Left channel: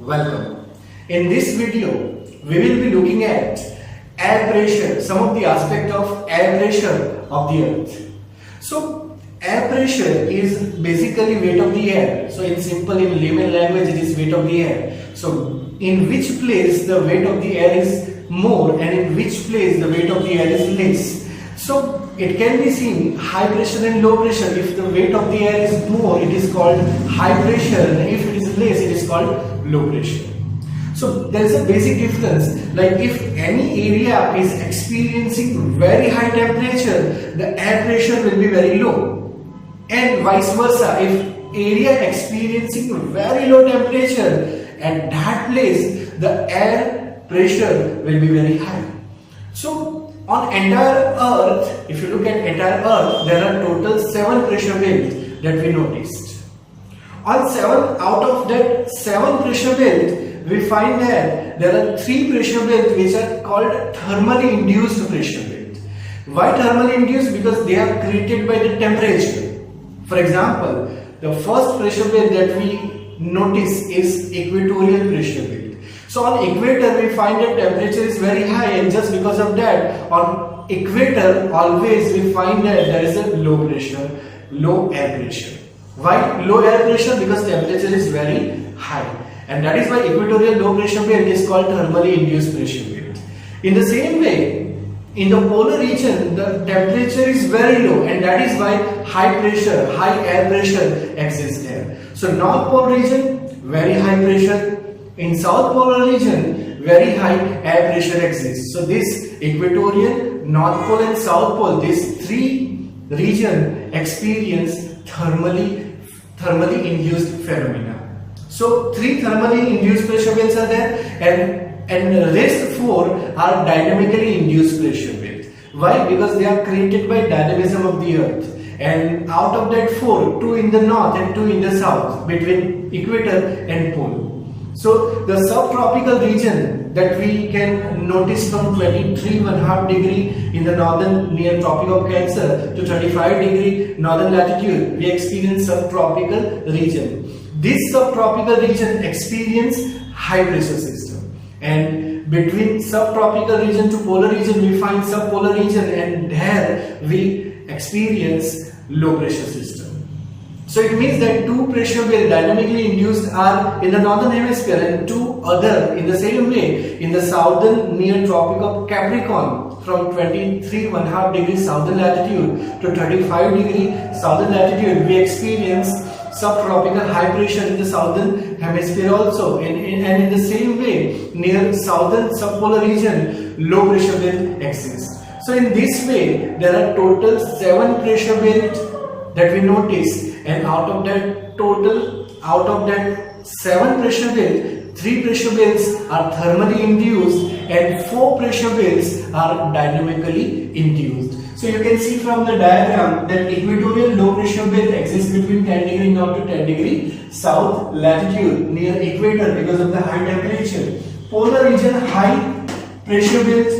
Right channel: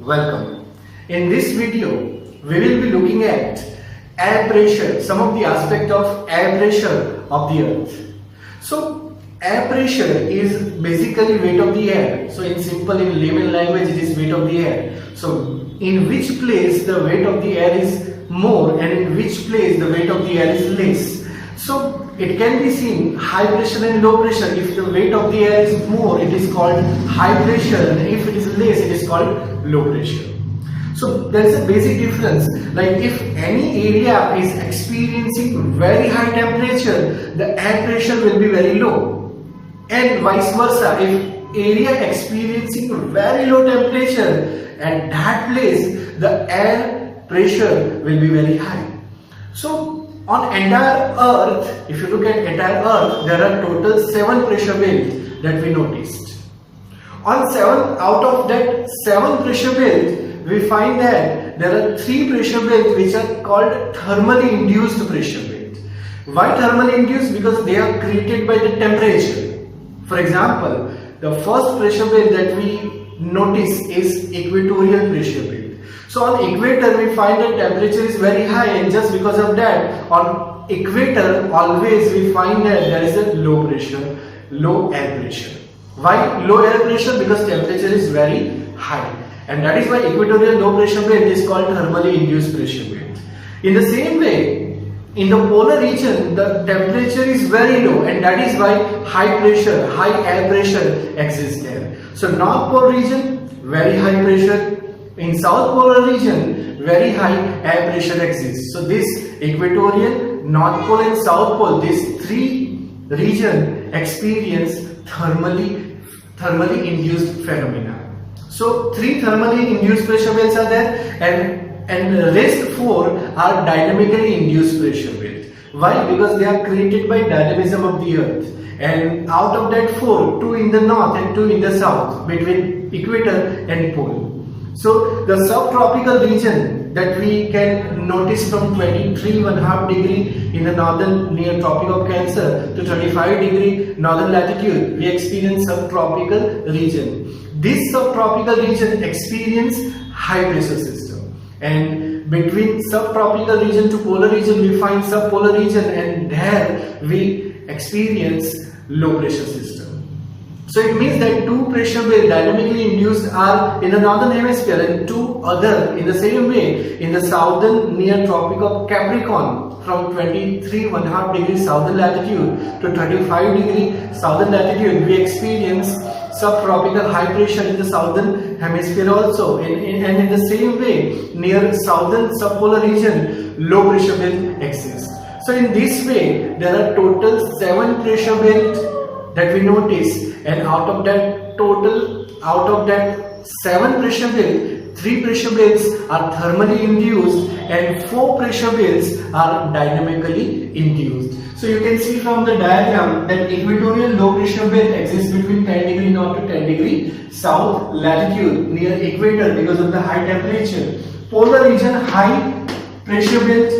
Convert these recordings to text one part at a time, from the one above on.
Welcome. In this video, we will be looking at air pressure, some of the aspect of air pressure of the earth. So, air pressure is basically weight of the air. So, in layman language, it is weight of the air. So, in which place the weight of the air is more and in which place the weight of the air is less. So, it can be seen high pressure and low pressure. If the weight of the air is more, it is called high pressure, and if it is less, it is called low pressure. So there is a basic difference. Like if any area is experiencing very high temperature, the air pressure will be very low, and vice versa. If area experiencing very low temperature, at that place the air pressure will be very high. So on entire earth, if you look at entire earth, there are total 7 pressure belts that we noticed. On 7 out of that 7 pressure belts, we find that there are 3 pressure belts which are called thermally induced pressure belts. Why thermally induced? Because they are created by the temperature. For example, the first pressure belt that we notice is equatorial pressure belt. So on equator we find that temperature is very high, and just because of that on equator always we find that there is a low pressure, low air pressure. Why low air pressure? Because temperature is very high, and that is why equatorial low pressure belt is called thermally induced pressure belt. In the same way, in the polar region the temperature is very low, and that is why high pressure, high air pressure exists there. So North Pole region, very high pressure. In South Polar region, very high air pressure exists. So this equatorial, North Pole and South Pole, these 3 regions experience thermally induced phenomena. So 3 thermally induced pressure belts are there, and rest 4 are dynamically induced pressure belts. Why? Because they are created by dynamism of the earth. And out of that 4, 2 in the north and 2 in the south, between equator and pole. So the subtropical region that we can notice from 23.5 degree in the northern near Tropic of Cancer to 35 degree northern latitude, we experience subtropical region. This subtropical region experience high pressure system, and between subtropical region to polar region we find subpolar region, and there we experience low pressure system. So it means that 2 pressure belts dynamically induced are in the northern hemisphere, and 2 other in the same way in the southern near Tropic of Capricorn from 23.5 degrees southern latitude to 35 degree southern latitude we experience subtropical high pressure in the southern hemisphere also, and in the same way near southern subpolar region low pressure belt exists. So in this way there are total 7 pressure belts that we notice, and out of that 7 pressure belts, 3 pressure belts are thermally induced and 4 pressure belts are dynamically induced. So you can see from the diagram that equatorial low pressure belt exists between 10 degree north to 10 degree south latitude near equator because of the high temperature. Polar region high pressure belt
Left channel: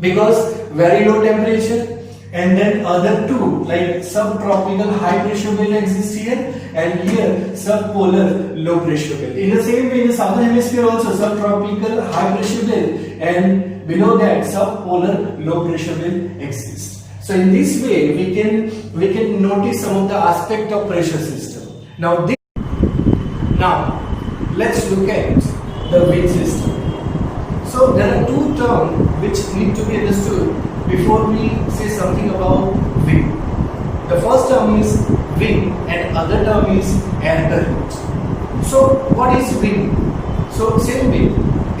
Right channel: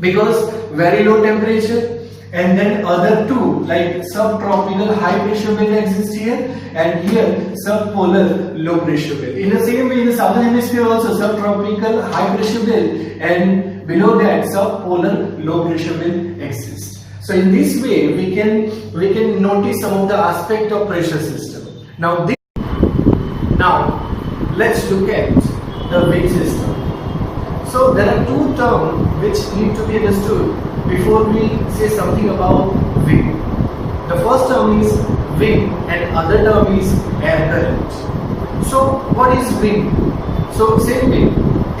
because very low temperature. And then other 2 like subtropical high pressure belt exists here, and here subpolar low pressure belt. In the same way in the southern hemisphere also subtropical high pressure belt, and below that subpolar low pressure belt exists. So in this way we can notice some of the aspect of pressure system. Now let's look at the wind system. So there are 2 terms which need to be understood before we say something about wind. The first term is wind and other term is air current. So what is wind? So same way,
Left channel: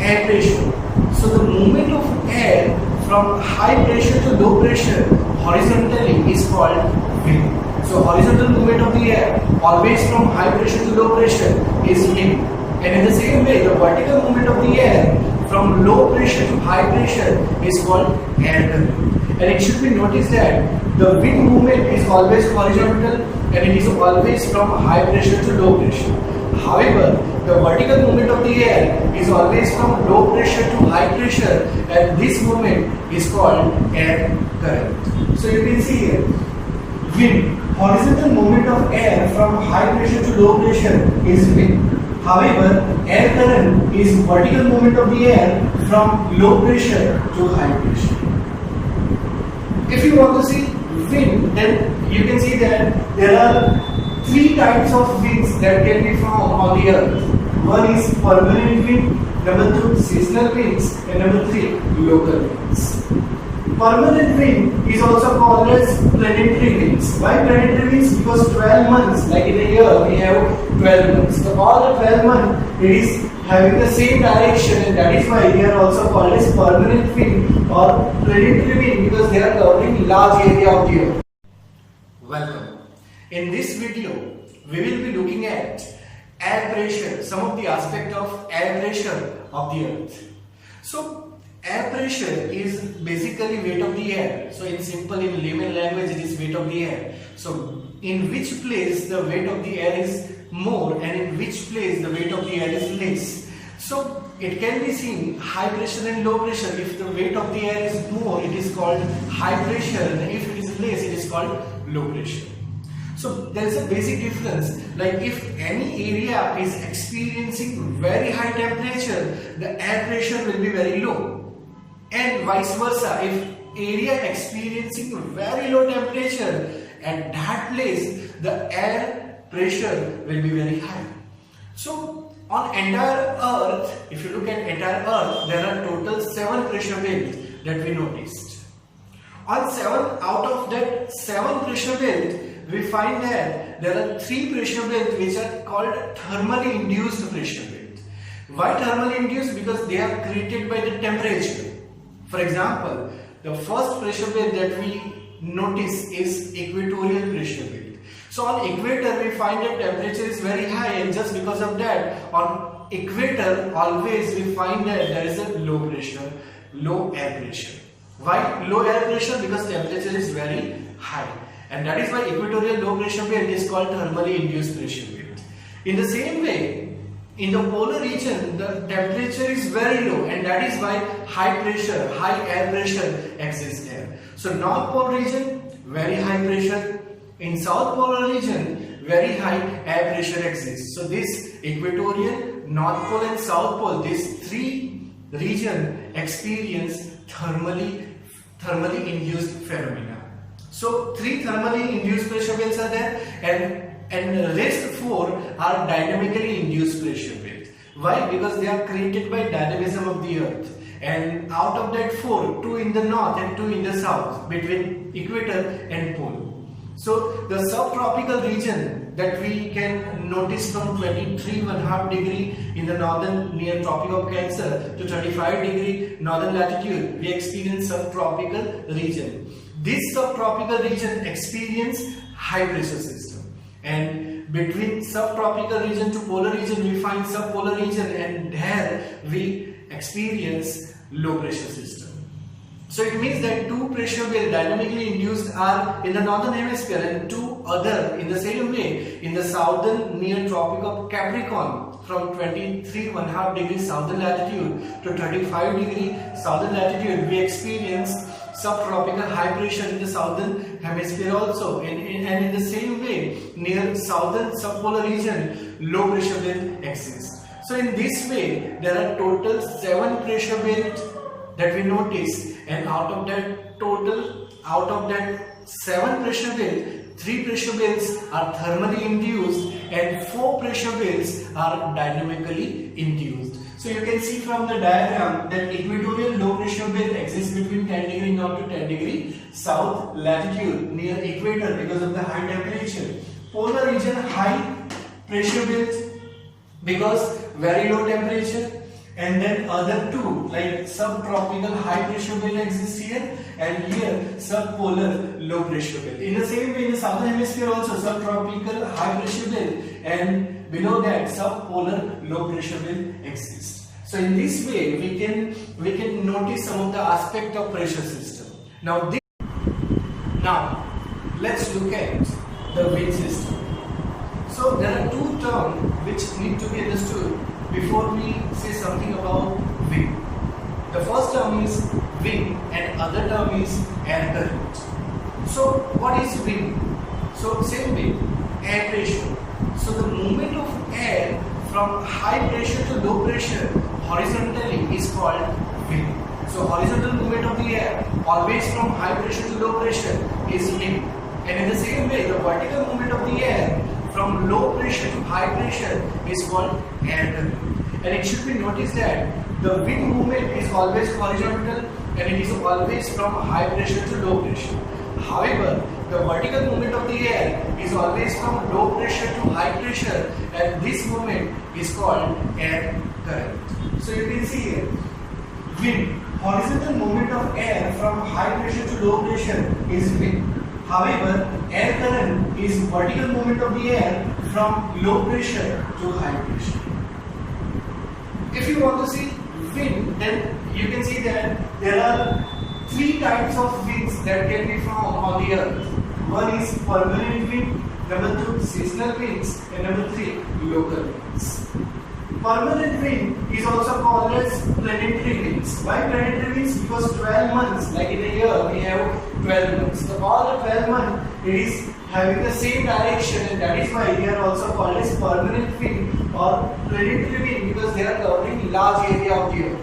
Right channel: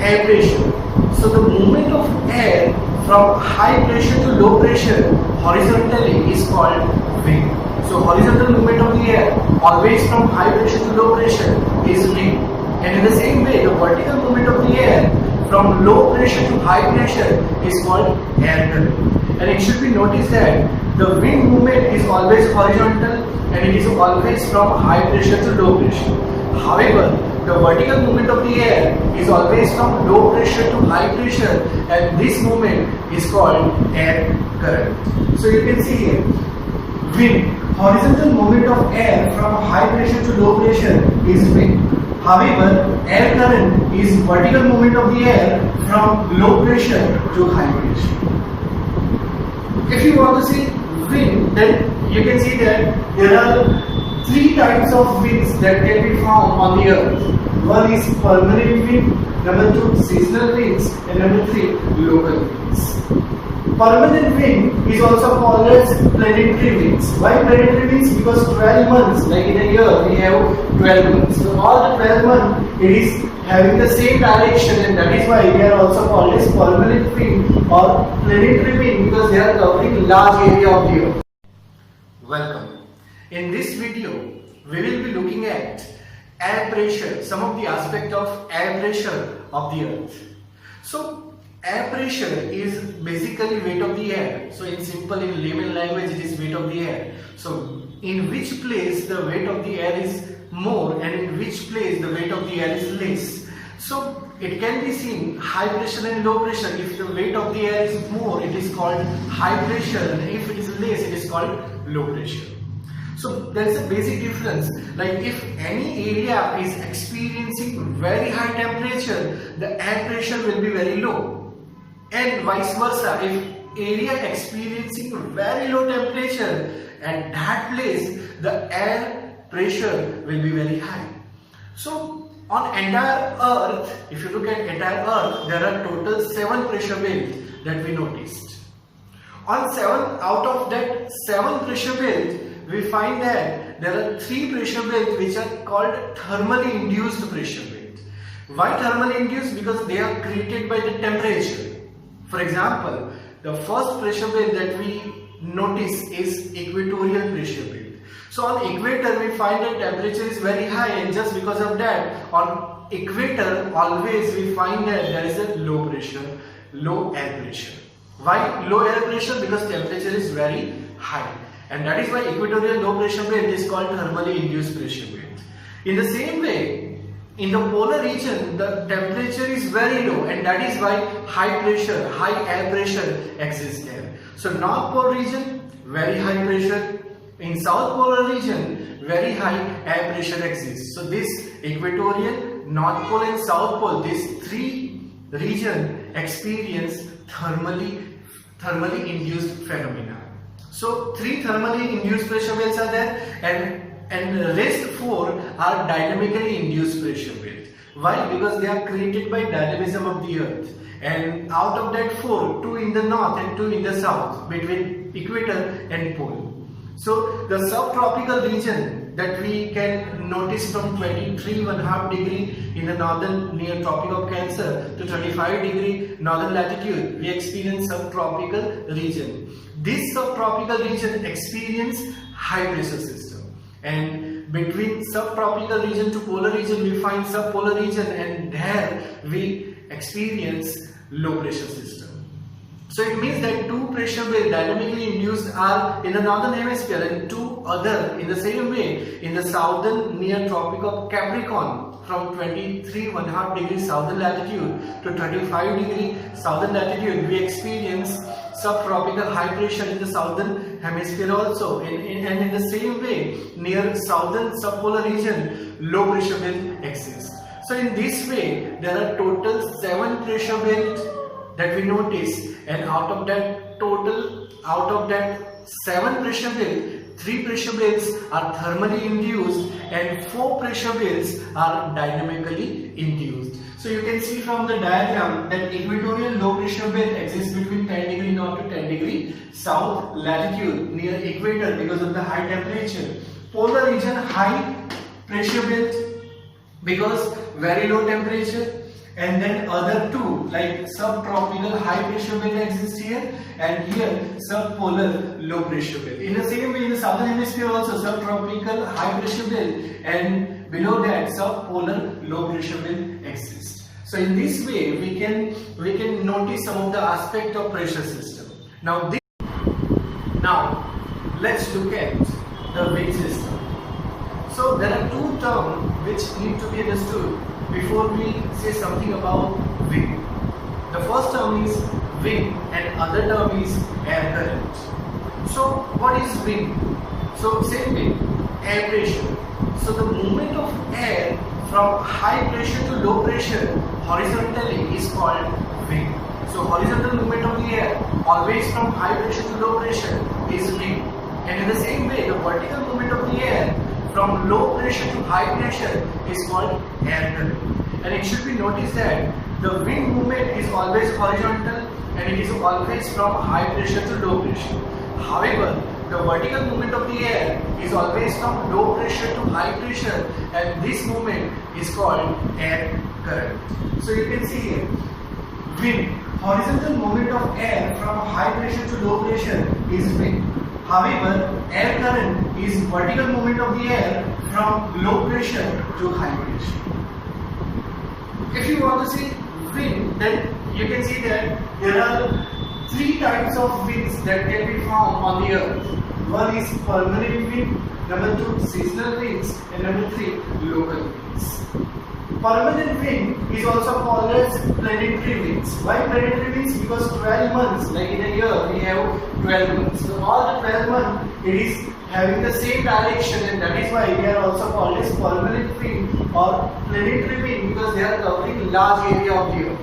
air pressure. So the movement of air from high pressure to low pressure horizontally is called wind. So horizontal movement of the air always from high pressure to low pressure is wind. And in the same way the vertical movement of the air from low pressure to high pressure is called air current. And it should be noticed that the wind movement is always horizontal, and it is always from high pressure to low pressure. However, the vertical movement of the air is always from low pressure to high pressure, and this movement is called air current. So you can see here, wind, horizontal movement of air from high pressure to low pressure is wind. However, air current is vertical movement of the air from low pressure to high pressure. If you want to see wind, then you can see that there are three types of winds that can be found on the earth. One is permanent wind, number two seasonal winds, and number three local winds. Permanent wind is also called as planetary winds. Why planetary winds? Because 12 months, like in a year, we have 12 months. So all the 12 months, it is having the same direction, and that is why they are also called as permanent wind or planetary wind, because they are covering large area of the earth. Welcome. In this video, we will be looking at air pressure, some of the aspect of air pressure of the earth. So air pressure is basically weight of the air. So in layman language, it is weight of the air. So in which place the weight of the air is more and in which place the weight of the air is less. So it can be seen high pressure and low pressure. If the weight of the air is more, it is called high pressure, and if it is less, it is called low pressure. So there is a basic difference. Like if any area is experiencing very high temperature, the air pressure will be very low. And vice versa, if area experiencing very low temperature, at that place the air pressure will be very high. So on entire earth, if you look at entire earth, there are total 7 pressure belts that we noticed. On 7 out of that 7 pressure belt, we find that there are 3 pressure belts which are called thermally induced pressure belt. Why thermally induced? Because they are created by the temperature. For example, the first pressure belt that we notice is equatorial pressure belt. So on equator we find that temperature is very high, and just because of that, on equator always we find that there is a low pressure, low air pressure. Why low air pressure? Because temperature is very high, and that is why equatorial low pressure belt is called thermally induced pressure belt. In the same way, in the polar region, the temperature is very low, and that is why high pressure, high air pressure exists there. So North Pole region, very high pressure. In South Polar region, very high air pressure exists. So this equatorial, North Pole and South Pole, these 3 regions experience thermally induced phenomena. So 3 thermally induced pressure belts are there, and rest 4 are dynamically induced pressure belts. Why? Because they are created by dynamism of the earth, and out of that 4, 2 in the north and 2 in the south, between equator and pole. So the subtropical region that we can notice from 23.5 degree in the northern near Tropic of Cancer to 35 degree northern latitude, we experience subtropical region. This subtropical region experience high pressure system, and between subtropical region to polar region we find subpolar region, and there we experience low pressure system. So it means that 2 pressure belts dynamically induced are in the northern hemisphere, and 2 other in the same way in the southern near Tropic of Capricorn from 23.5 degree southern latitude to 35 degree southern latitude. We experience subtropical high pressure in the southern hemisphere also, and in the same way near southern subpolar region low pressure belt exists. So in this way there are total 7 pressure belts that we notice, and out of that 7 pressure belts, 3 pressure belts are thermally induced and 4 pressure belts are dynamically induced. So you can see from the diagram that equatorial low pressure belt exists between 10 degree north to 10 degree south latitude near equator because of the high temperature. Polar region high pressure belt because very low temperature, and then other 2 like subtropical high pressure belt exists here, and here subpolar low pressure belt. In the same way in the southern hemisphere also subtropical high pressure belt, and below that subpolar low pressure belt exists. So in this way we can notice some of the aspect of pressure system. Now let's look at the wind system. So there are 2 terms which need to be understood before we say something about wind. The first term is wind and other term is air current. So what is wind? So same way, air pressure. So the movement of air from high pressure to low pressure horizontally is called wind. So horizontal movement of the air always from high pressure to low pressure is wind. And in the same way, the vertical movement of the air from low pressure to high pressure is called air current. And it should be noticed that the wind movement is always horizontal and it is always from high pressure to low pressure. However, the vertical movement of the air is always from low pressure to high pressure, and this movement is called air current. So you can see here, wind, horizontal movement of air from high pressure to low pressure is wind. However, air current is vertical movement of the air from low pressure to high pressure. If you want to see wind, then you can see that there are three types of winds that can be found on the earth. One is permanent wind, number two seasonal winds, and number three local winds. Permanent wind is also called as planetary winds. Why planetary winds? Because 12 months, like in a year, we have 12 months. So all the 12 months, it is having the same direction, and that is why they are also called as permanent wind or planetary wind, because they are covering large area of the earth.